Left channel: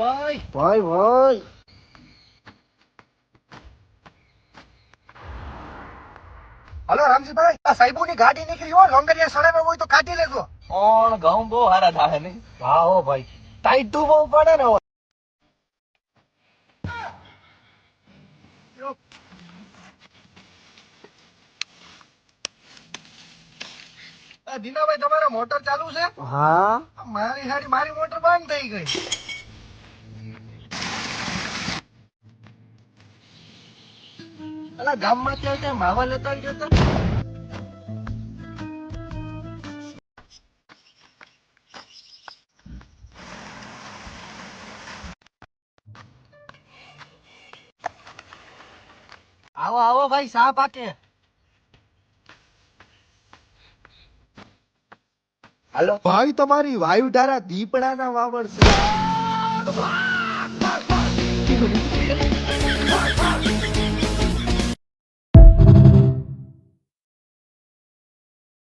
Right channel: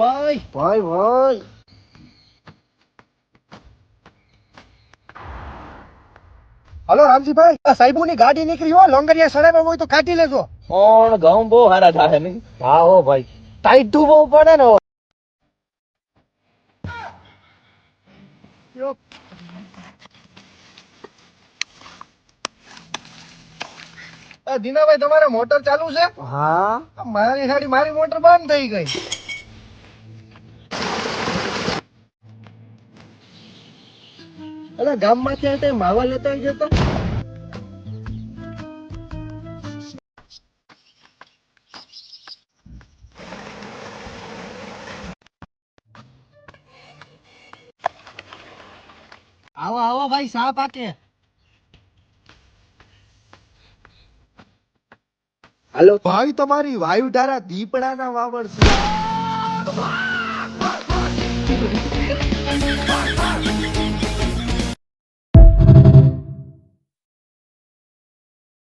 ભાઈ ભાઈ હલો રામજીભાઈ, આ સાહેબોની ગાડી નીકળી હો, લોંગરિયા સડાવ્યા હોય તો કાઢી લેજો. કોણ ઘઉં બહુ સારા થાય ને. હા હો ભાઈ, ટાઈટ બહુ પડે ને. દીનાભાઈ તમારે મોટર ચાલુ છે? હા મારી મોટર બંધ થઈ ગઈ. અલા ગામમાંથી આવતા માવા લેતા આવી જતો. આવો આવો ભાઈ, સા પાકે. હાલો ભાઈ, તમારી વાયુ ધારા દીપડાના વાવડ છે.